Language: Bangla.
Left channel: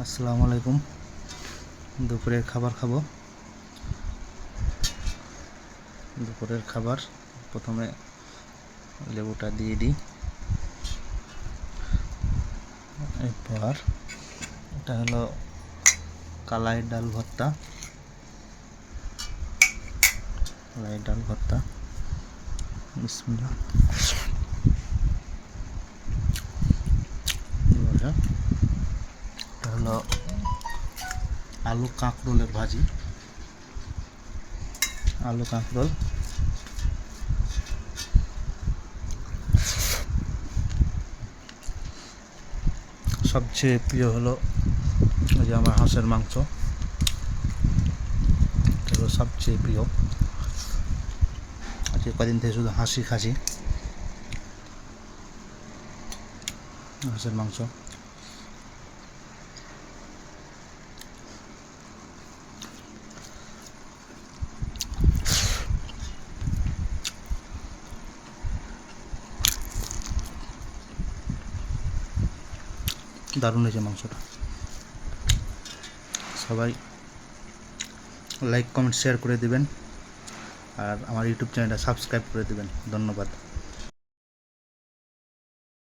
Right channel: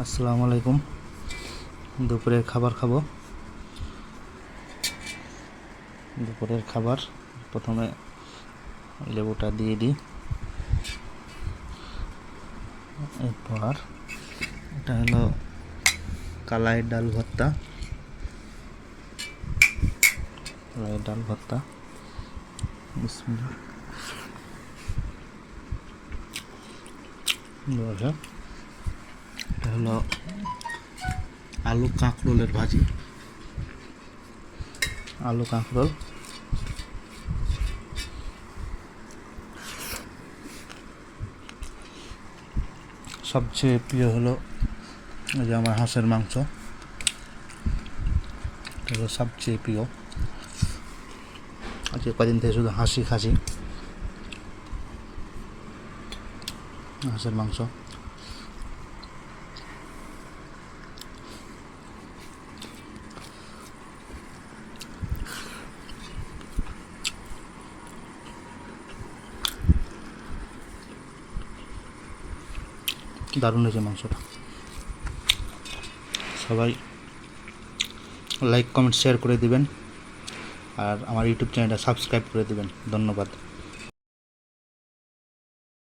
আসসালামু আলাইকুম। দুপুরের খাবার খাব। দুপুরের খাবার, প্রথমে লেবুটা দিয়ে দিই। এরপর এটা হলো কালাই ডাল ভর্তা। কালাই ডাল ভর্তা। বিসমিল্লাহ। হলো আলু কাঁকরোলের ভাজি। আলু কাঁকরোল। সবচেয়ে প্রিয় হলো ওই যে আমার হাঁসের মাংস। এটা হলো সবচেয়ে প্রিয়। আজকে কদিন থেকে শুধু হাসি খাসি। হাঁসের মাংস। দারুণ হয়েছে মাংসটা। সবাই লাইক কমেন্ট শেয়ার করে দিবেন। আর আমার ইউটিউব চ্যানেলটা সাবস্ক্রাইব করে দেবেন। ধন্যবাদ।